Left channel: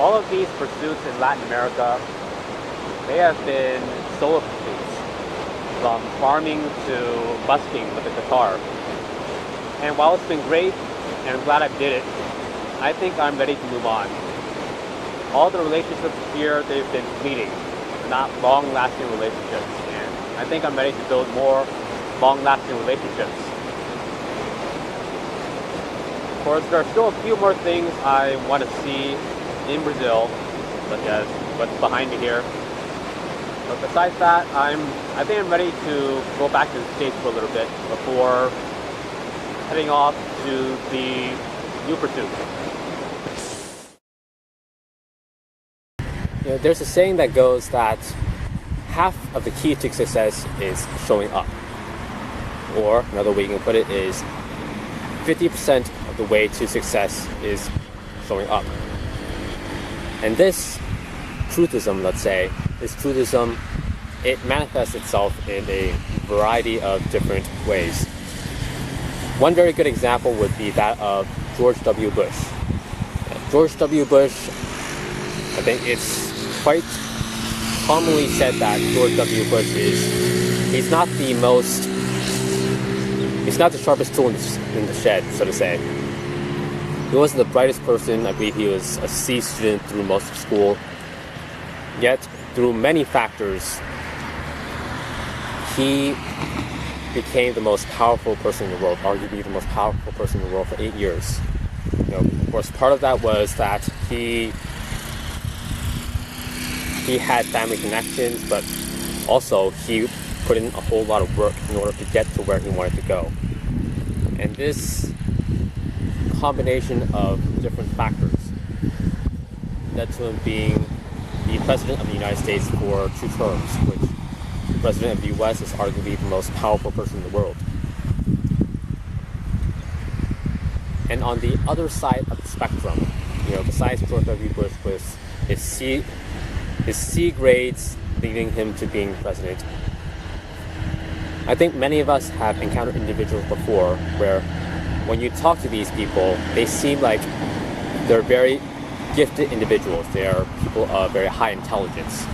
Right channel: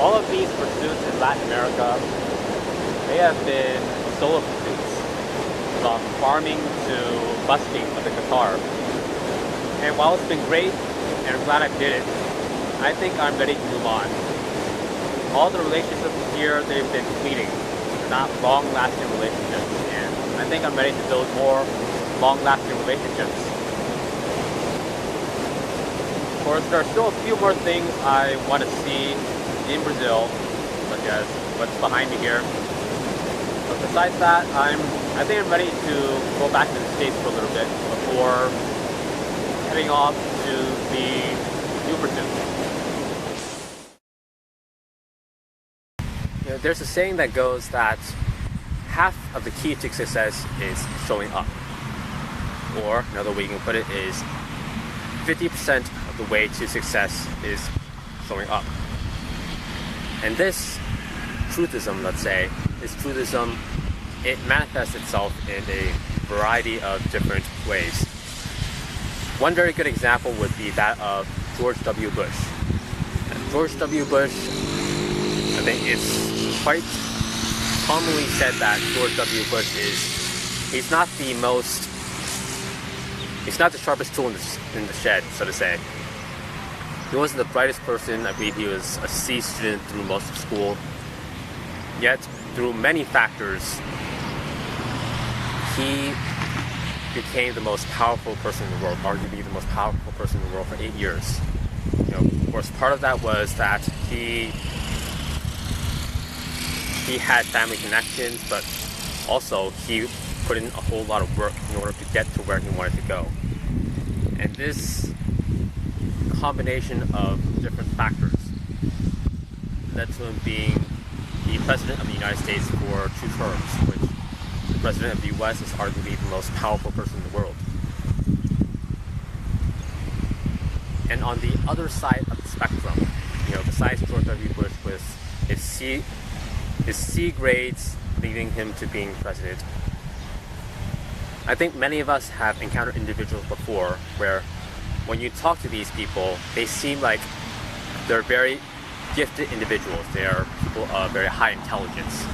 all of these pursuits in Latin America, they have been solo pursuits, from farming to busking with a guitar. And while it's been great, and I'm glad I did it, I think I'm ready to move on. All the relationships here, they've been fleeting. They're not long-lasting relationships, and I think I'm ready to build more long-lasting relationships. Of course, there are still a few more things I want to see in Brazil, such as what's behind me here. But besides that, I think I'm ready to go back to the States for a little bit before heading off to the new pursuits. You know, there's a saying that goes that half of the key to success is showing up. Or another way you can put it is 50% of the way to success is showing up. And this truthism, let's say, it manifests itself in a variety of different ways. One very good example would be that of George W. Bush. George W. Bush, I think it's quite commonly said that George W. Bush he's not the sharpest tool in the shed, so to say. He wasn't the brightest person. I believe he was a C student through most of school. Yet, through many factors, he became the most powerful person in the world, arguably the most powerful person in the world for 8 years. You know, of course, part of that was that he had family connections, but also he put in a whole lot of work in order to get to where he wanted to go. And this combination of different factors led to him being the President of the United States for 2 terms, which the President of the U.S. is arguably the most powerful person in the world. And on the other side of the spectrum, you know, besides George W. Bush was his C grades leading him to being president. I think many of us have encountered individuals before where when you talk to these people, they seem like they're very gifted individuals. They are people of very high intelligence.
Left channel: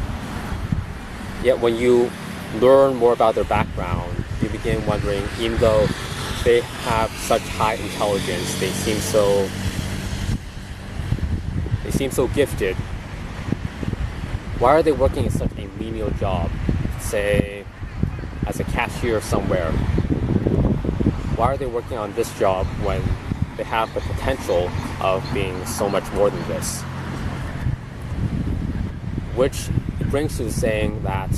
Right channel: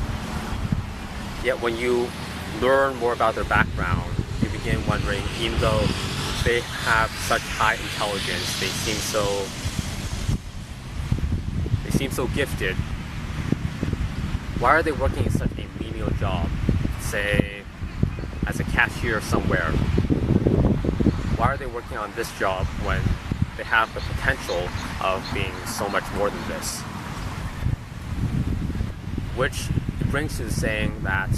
Yet when you learn more about their background, you begin wondering, even though they have such high intelligence, they seem so gifted, why are they working in such a menial job, say as a cashier somewhere? Why are they working on this job when they have the potential of being so much more than this? Which it brings to the saying that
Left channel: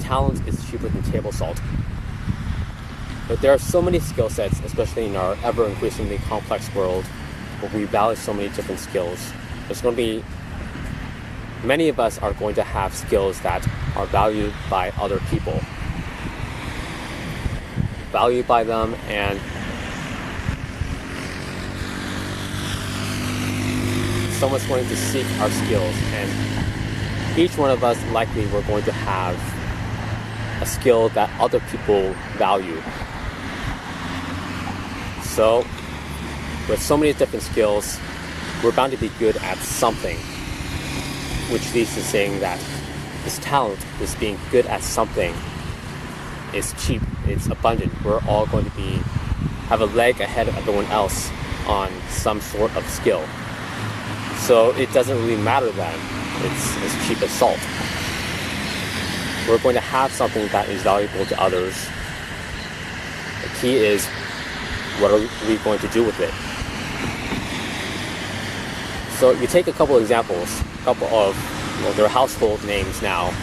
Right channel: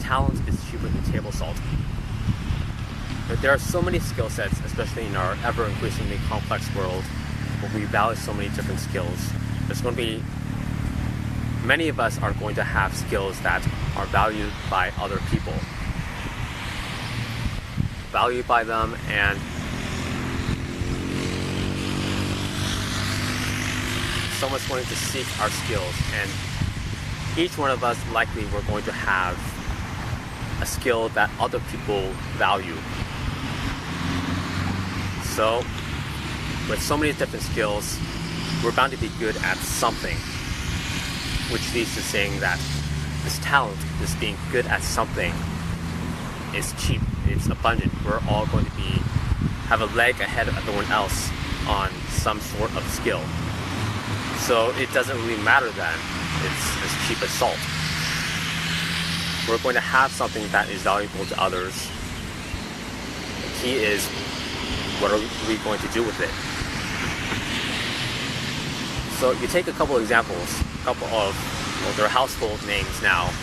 talent is cheaper than table salt. But there are so many skill sets, especially in our ever-increasingly complex world, where we value so many different skills. There's going to be many of us are going to have skills that are valued by other people. Valued by them, and someone's going to seek our skills, and each one of us likely we're going to have a skill that other people value. So, with so many different skills, we're bound to be good at something, which leads to saying that this talent, this being good at something, is cheap, it's abundant. We're all going to have a leg ahead of everyone else on some sort of skill. So it doesn't really matter then. It's as cheap as salt. We're going to have something that is valuable to others. The key is, what are we going to do with it? So you take a couple of examples, their household names now,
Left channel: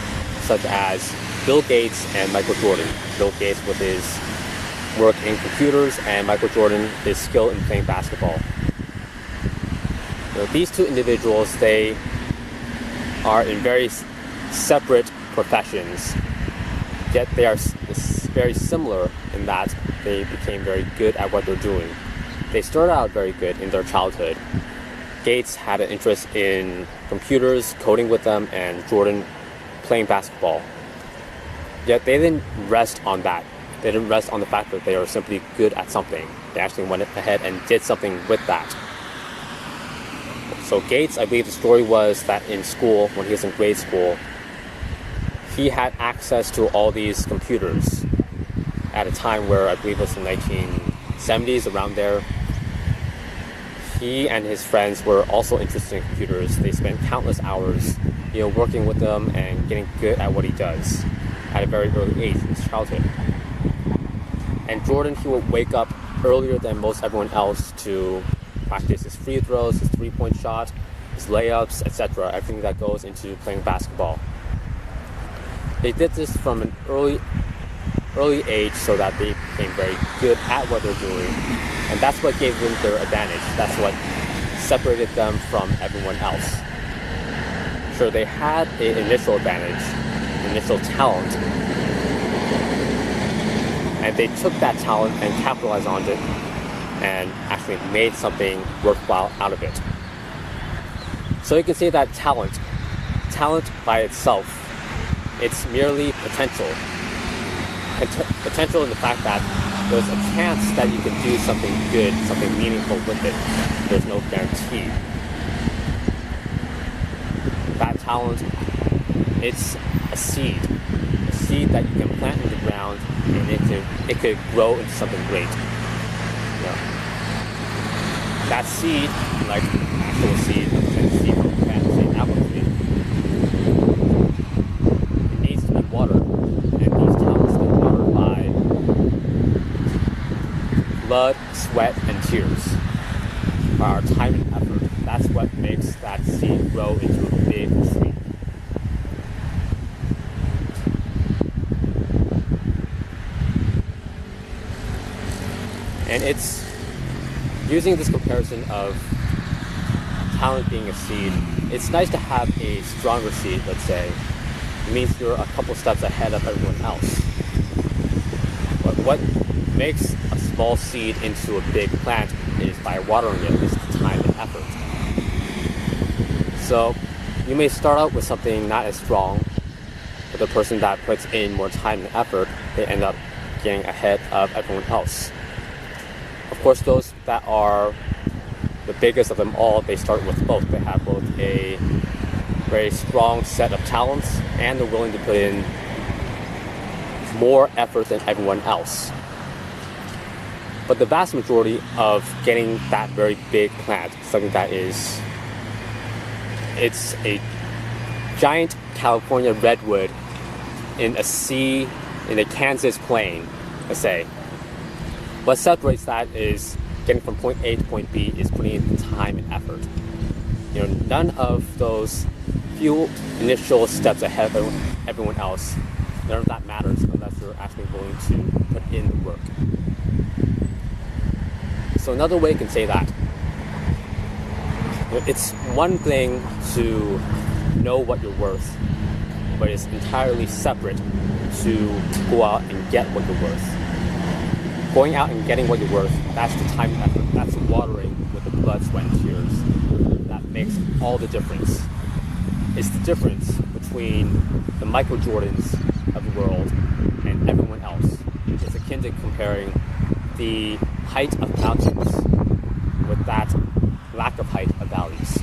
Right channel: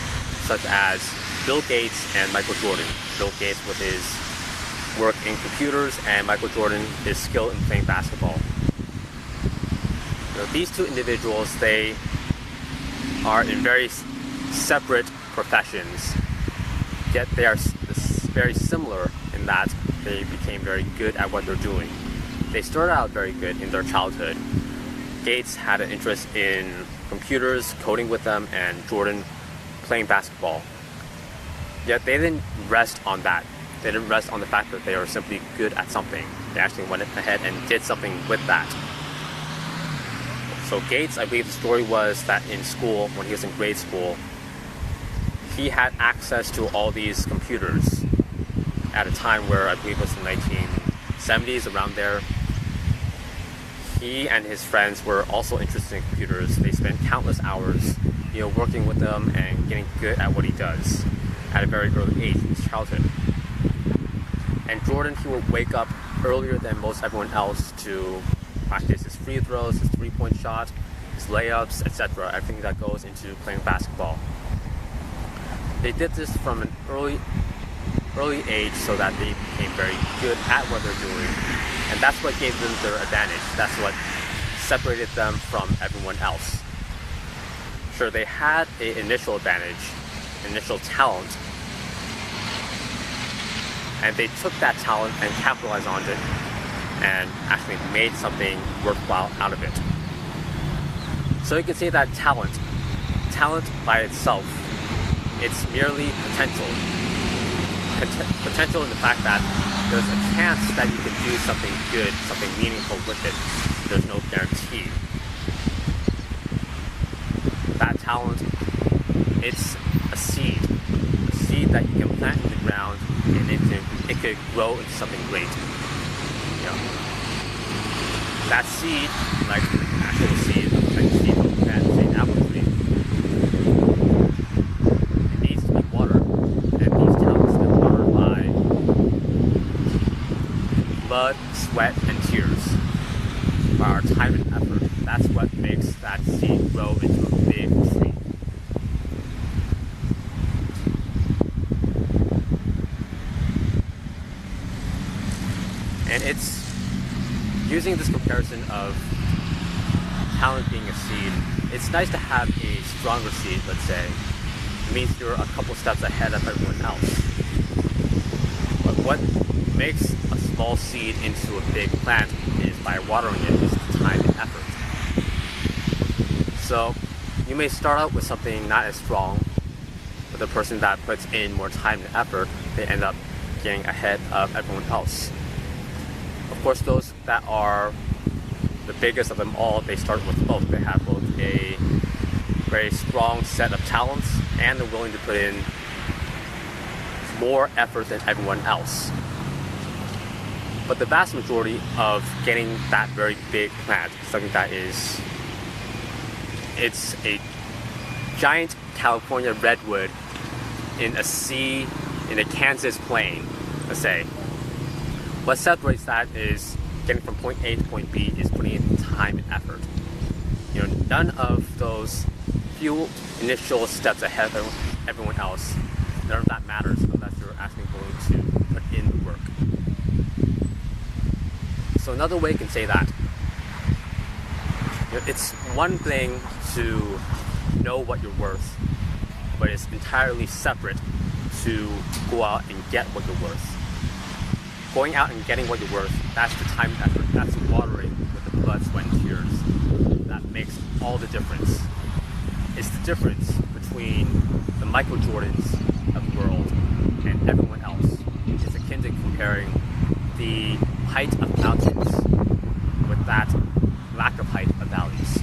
such as Bill Gates and Michael Jordan. Bill Gates with his work in computers, and Michael Jordan, his skill in playing basketball. These two individuals, they are in very separate professions, yet they are very similar in that they became very good at what they're doing. They started out very good in their childhood. Gates had an interest in computers, coding with them, and Jordan playing basketball. Yet they didn't rest on that. They didn't rest on the fact that they were simply good at something. They actually went ahead and did something with that. So Gates, I believe the story was that in school, when he was in grade school, he had access to all these computers at a time where I believe it was the 1970s, around there. He and his friends were also interested in computers. They spent countless hours, working with them and getting good at what he does at a very early age in his childhood. And Jordan, he would wake up earlier than most everyone else to practice his free throws, his three-point shot, his layups, etc., everything that goes into playing basketball. They did this from an early age so that they became very good at what they're doing, and that's what gave them their advantage. That's what separated them from everyone else. So they had an initial advantage, initial talent, and they took that talent and capitalized on it and actually made something worthwhile out of it. So you can say that talent by itself, it's merely potential. Potential in the fact that there's a chance that you can do something good, something meaningful with it. There's no guarantee. That talent, it's a seed that you can plant in the ground, and it could grow into something great. That seed, like actual seed, like seed from a plant, say an apple tree, it needs to be watered, and these talents get watered by blood, sweat, and tears, by our time and effort. That's what makes that seed grow into a big tree. And it's using this comparison of talent being a seed. It's nice to have a stronger seed, let's say. It means you're a couple steps ahead of everyone else. But what makes a small seed into a big plant is by watering it, is the time and effort. So you may start out with something not as strong, but the person that puts in more time and effort, they end up getting ahead of everyone else. Of course, those that are the biggest of them all, they start with both. They have both a very strong set of talents and they're willing to put in more effort than everyone else. But the vast majority of getting that very big plant, something that it's a giant California redwood in a Kansas plain, let's say. What separates that is getting from point A to point B is putting in time and effort. None of those few initial steps ahead of everyone else, none of that matters unless you're actually willing to put in the work. So another way you can say that, it's one thing to know what you're worth, but it's entirely separate to go out and get what you're worth. Going out and getting what you're worth, that's the time and effort, that's the watering with the blood, sweat, and tears. That makes all the difference. It's the difference between the Michael Jordans of the world and everyone else. It's akin to comparing the height of mountains with that lack of height of valleys.